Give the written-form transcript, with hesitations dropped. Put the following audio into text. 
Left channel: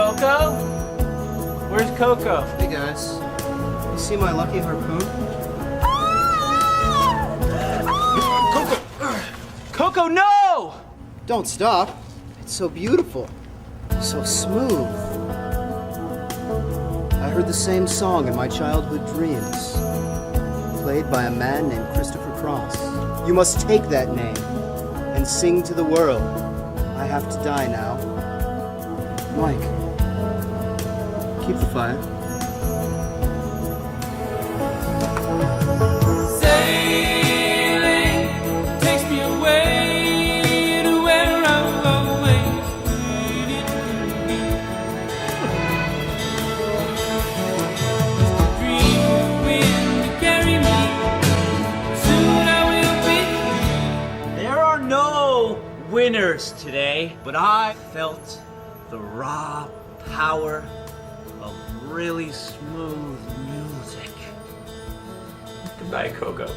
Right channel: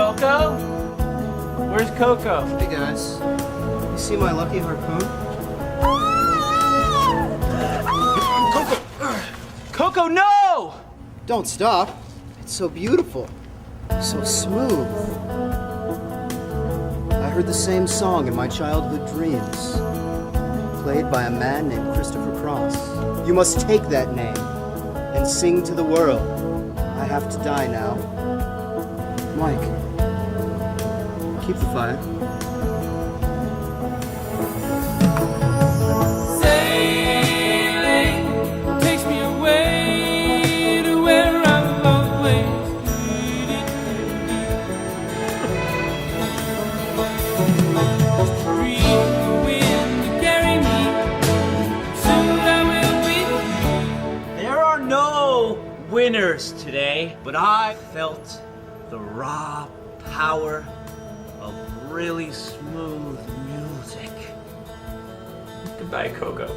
Koko? Where's Koko? Hey guys, you see my lucky harpoon? Koko, no! Don't stop. It's so beautiful, so smooth. I heard the same song in my childhood dreams, played by a man named Christopher Cross. You must take that name and sing to the world. I have to die now. Mike, keep the fire. Sailing takes me away to where I've always needed to be. Dream wind to carry me, soon I will be. There are no winners today, but I felt the raw power of really smooth music. Goodbye, Koko.